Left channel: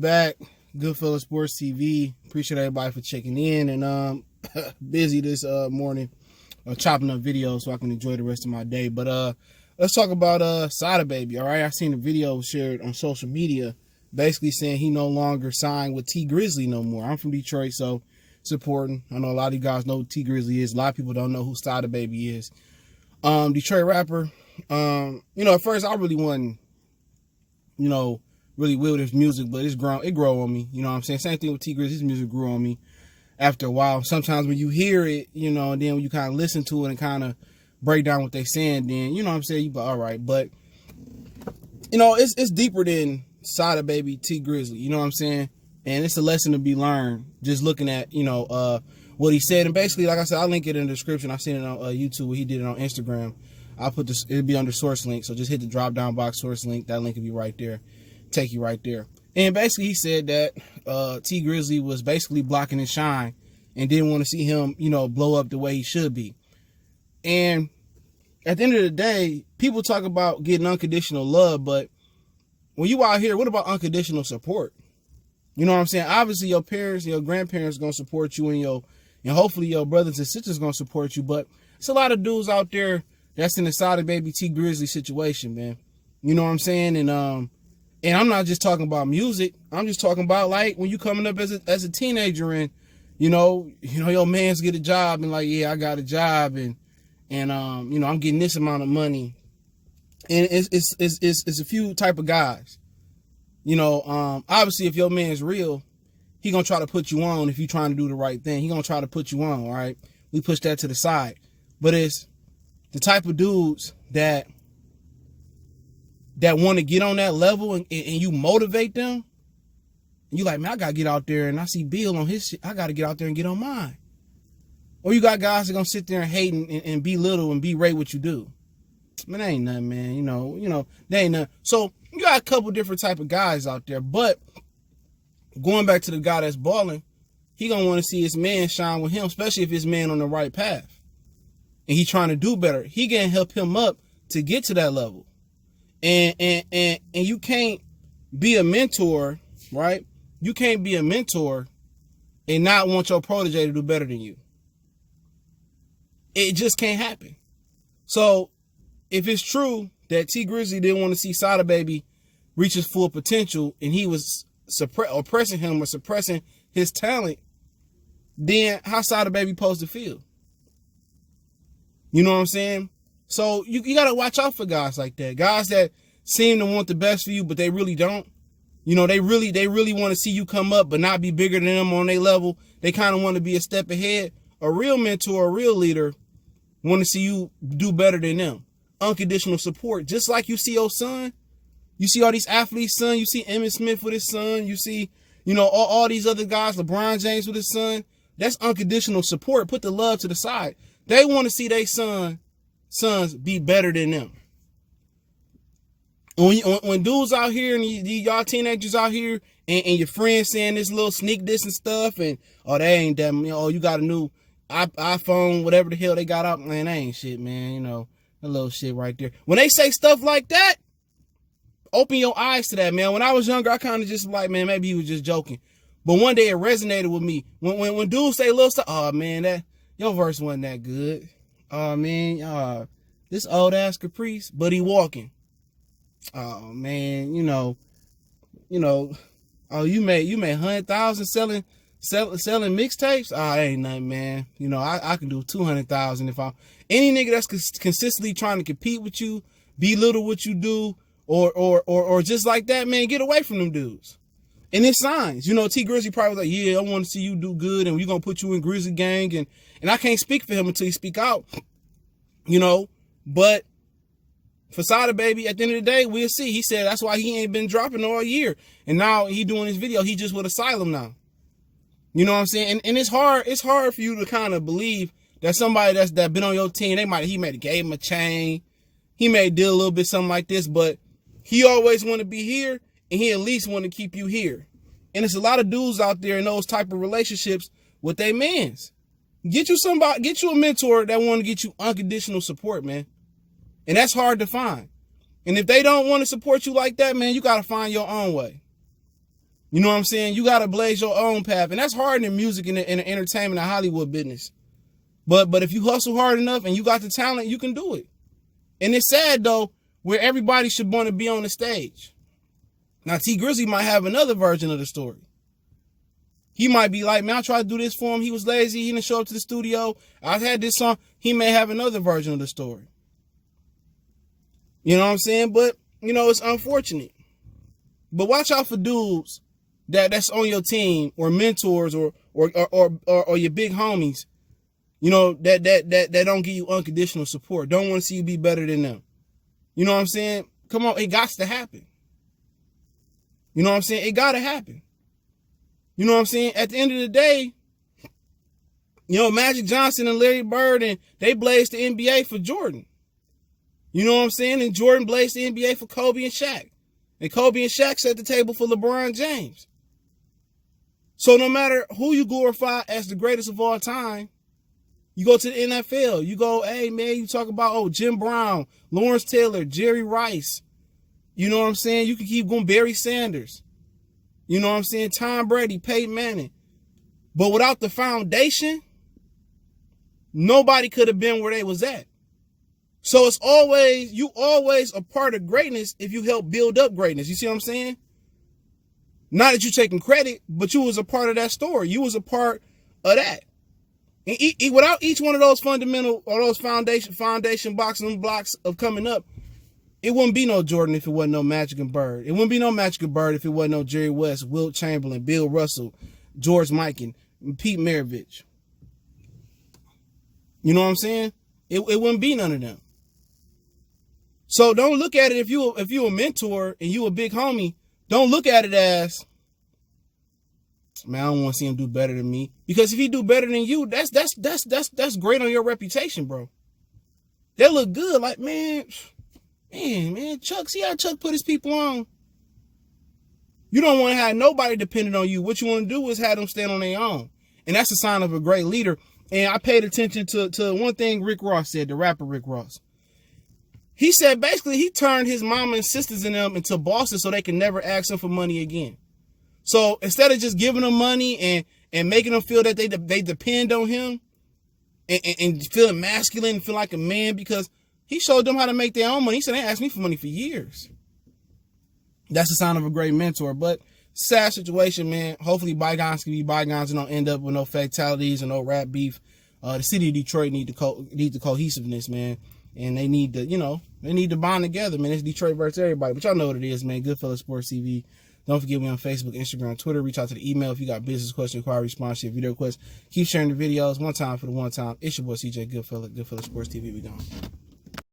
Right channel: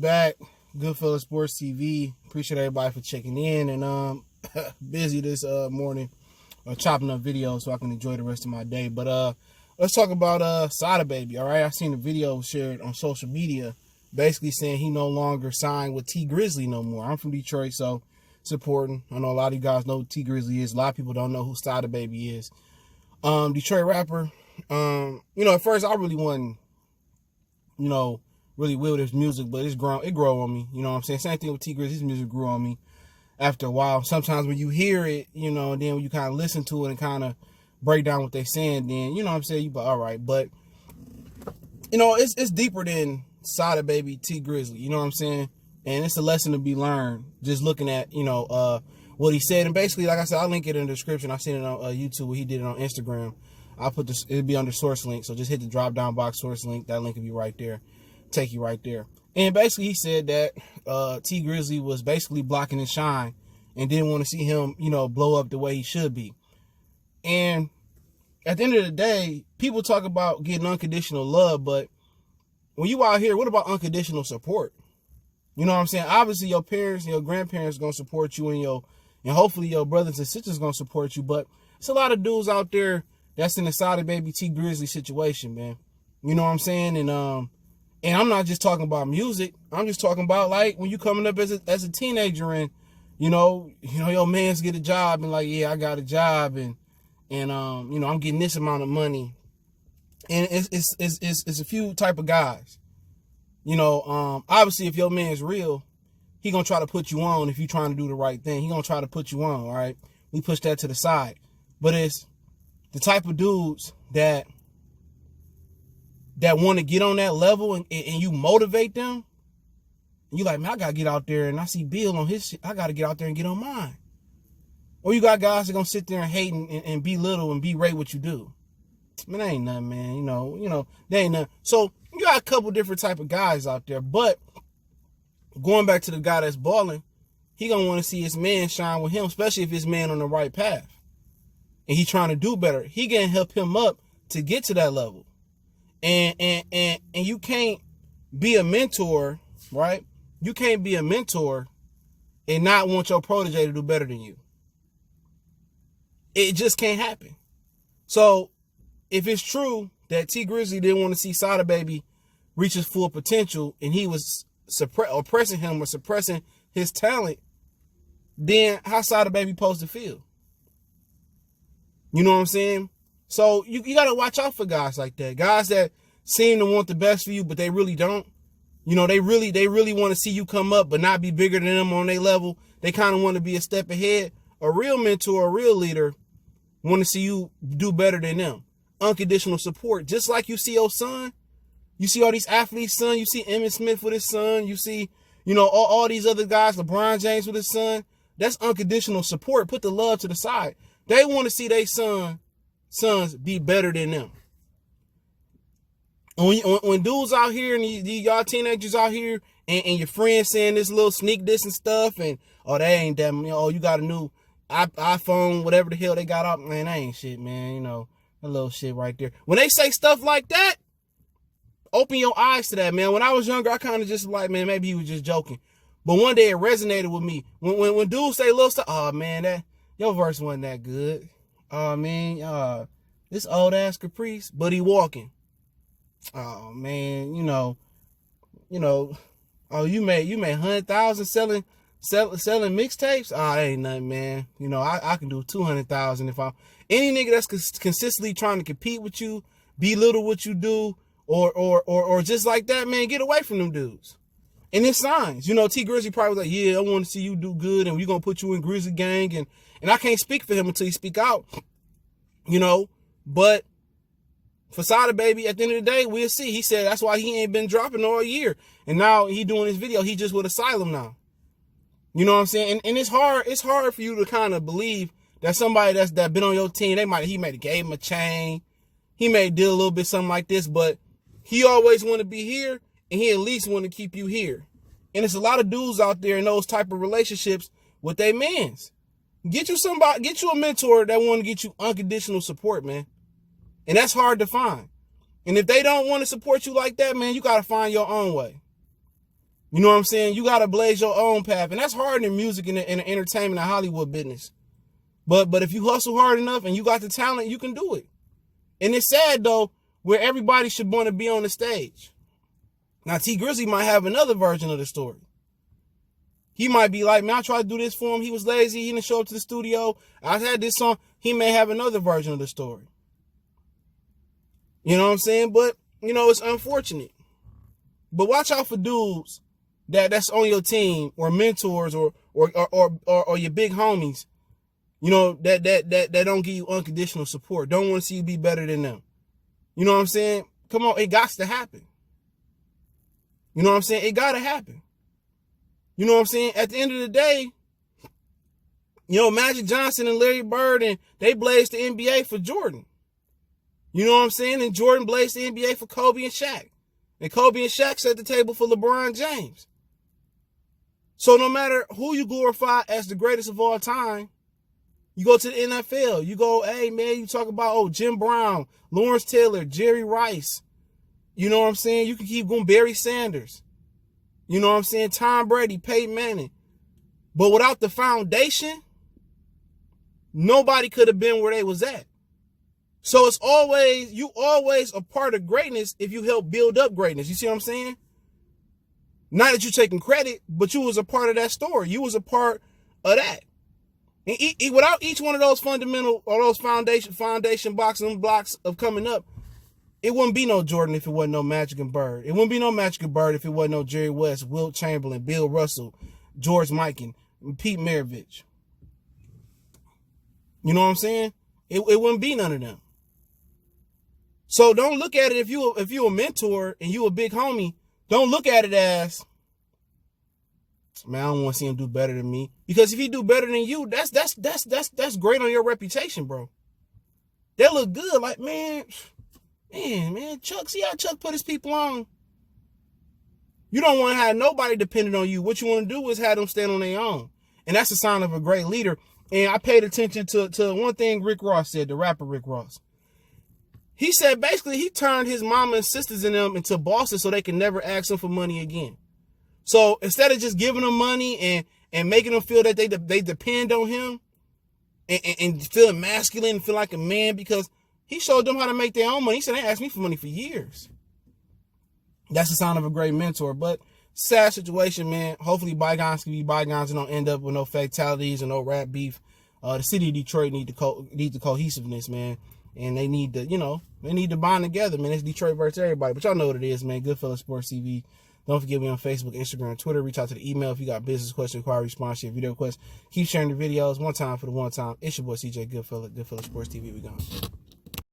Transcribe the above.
back. Goodfellas Sports TV. Appreciate everybody for checking in. And busy this morning, chopping up videos so I can enjoy the rest of my day. But let's talk about Sada baby. All right, I seen a video shared on social media, basically saying he no longer signed with T Grizzley no more. I'm from Detroit, so supporting. I know a lot of you guys know who T Grizzley is. A lot of people don't know who Sada baby is. Detroit rapper. At first I really wasn't, really with his music, but it grew on me. You know what I'm saying? Same thing with T Grizzley. His music grew on me after a while. Sometimes when you hear it, and then when you kind of listen to it and kind of break down what they're saying, then, you know what I'm saying, you be all right. But, it's deeper than Sada baby, T Grizzley. You know what I'm saying? And it's a lesson to be learned just looking at, what he said. And basically, like I said, I'll link it in the description. I seen it on YouTube where he did it on Instagram. I'll put this, it'll be under source link. So just hit the drop down box source link. That link will be right there. Take you right there. And basically he said that T Grizzley was basically blocking his shine and didn't want to see him, blow up the way he should be. And at the end of the day, people talk about getting unconditional love, but when you out here, what about unconditional support? You know what I'm saying? Obviously your parents and your grandparents are gonna support you, and hopefully your brothers and sisters are gonna support you, but it's a lot of dudes out there that's in the Sada baby T Grizzley situation, man. You know what I'm saying? And I'm not just talking about music. I'm just talking about like when you coming up as a teenager and your mans get a job and like, yeah, I got a job and I'm getting this amount of money. And it's a few type of guys. Obviously if your man's real, he gonna try to put you on if you trying to do the right thing. He gonna try to put you on, all right? We push that to the side. But it's the type of dudes that want to get on that level and you motivate them. And you like, man, I got to get out there and I see Bill on his shit. I got to get out there and get on mine. Or you got guys that going to sit there and hate and belittle and berate what you do. Man, that ain't nothing, man. That ain't nothing. So you got a couple different type of guys out there. But going back to the guy that's balling, he going to want to see his man shine with him, especially if his man on the right path. And he trying to do better. He going to help him up to get to that level. And you can't be a mentor, right? You can't be a mentor and not want your protege to do better than you. It just can't happen. So if it's true that T Grizzley didn't want to see Sada baby reach his full potential and he was oppressing him or suppressing his talent, then how Sada baby supposed to feel? You know what I'm saying? So you got to watch out for guys like that. Guys that seem to want the best for you, but they really don't. They really want to see you come up, but not be bigger than them on their level. They kind of want to be a step ahead. A real mentor, a real leader want to see you do better than them. Unconditional support. Just like you see your son. You see all these athletes' son. You see Emmitt Smith with his son. You see, all these other guys, LeBron James with his son. That's unconditional support. Put the love to the side. They want to see their sons be better than them. When dudes out here and y'all teenagers out here and your friends saying this little sneak this and stuff and they ain't that, you got a new iPhone, whatever the hell they got out, man, that ain't shit, man. A little shit right there. When they say stuff like that, open your eyes to that, man. When I was younger, I kind of just like, man, maybe he was just joking. But one day it resonated with me. When dudes say little stuff, oh man, that your verse wasn't that good. Oh man, this old ass Caprice, but he walking. Oh man, oh you made 100,000 selling mixtapes. Oh, ain't nothing, man. I can do 200,000 if I'm any nigga that's consistently trying to compete with you, belittle what you do, or just like that, man. Get away from them dudes. And it's signs. T Grizzley probably was like, yeah, I want to see you do good, and we're gonna put you in Grizzly Gang, and I can't speak for him until he speak out. But for Sada baby, at the end of the day, we'll see. He said that's why he ain't been dropping all year. And now he doing his video. He just with Asylum now. You know what I'm saying? And it's hard for you to kind of believe that somebody that been on your team, he may have gave him a chain. He may did a little bit something like this, but he always want to be here and he at least want to keep you here. And it's a lot of dudes out there in those type of relationships with their mans. Get you a mentor that want to get you unconditional support, man. And that's hard to find. And if they don't want to support you like that, man, you got to find your own way. You know what I'm saying? You got to blaze your own path. And that's hard in music and in the entertainment and Hollywood business. But if you hustle hard enough and you got the talent, you can do it. And it's sad, though, where everybody should want to be on the stage. Now, T Grizzley might have another version of the story. He might be like, man, I tried to do this for him. He was lazy. He didn't show up to the studio. I had this song. He may have another version of the story. You know what I'm saying? But, you know, it's unfortunate. But watch out for dudes that's on your team or mentors or your big homies, you know, that don't give you unconditional support. Don't want to see you be better than them. You know what I'm saying? Come on, it got to happen. You know what I'm saying? It got to happen. You know what I'm saying? At the end of the day, you know, Magic Johnson and Larry Bird, and they blazed the NBA for Jordan. You know what I'm saying? And Jordan blazed the NBA for Kobe and Shaq. And Kobe and Shaq set the table for LeBron James. So no matter who you glorify as the greatest of all time, you go to the NFL, you go, hey, man, you talk about, Jim Brown, Lawrence Taylor, Jerry Rice. You know what I'm saying? You can keep going, Barry Sanders. You know what I'm saying? Tom Brady, Peyton Manning. But without the foundation, nobody could have been where they was at. So it's you always a part of greatness if you help build up greatness. You see what I'm saying? Not that you're taking credit, but you was a part of that story. You was a part of that. And without each one of those fundamental or those foundation blocks and blocks of coming up, it wouldn't be no Jordan if it wasn't no Magic and Bird. It wouldn't be no Magic and Bird if it wasn't no Jerry West, Wilt Chamberlain, Bill Russell, George Mikan, Pete Maravich. You know what I'm saying? It wouldn't be none of them. So don't look at it if you a mentor and you a big homie, don't look at it as, man, I don't want to see him do better than me. Because if he do better than you, that's great on your reputation, bro. They look good. Like, man, Chuck, see how Chuck put his people on? You don't want to have nobody dependent on you. What you want to do is have them stand on their own. And that's a sign of a great leader. And I paid attention to one thing Rick Ross said, the rapper Rick Ross. He said basically he turned his mama and sisters and them into bosses so they can never ask him for money again. So instead of just giving them money and making them feel that they depend on him and feeling masculine and feel like a man, because he showed them how to make their own money. He said, they asked me for money for years. That's the sign of a great mentor. But sad situation, man. Hopefully bygones can be bygones and don't end up with no fatalities and no rap beef. The city of Detroit need the cohesiveness, man. And they need to bond together, man. It's Detroit versus everybody. But y'all know what it is, man. Goodfellas Sports TV. Don't forget me on Facebook, Instagram, Twitter. Reach out to the email if you got business questions, inquiry, sponsorship, video requests. Keep sharing the videos. One time for the one time. It's your boy CJ Goodfellas Sports TV. We gone.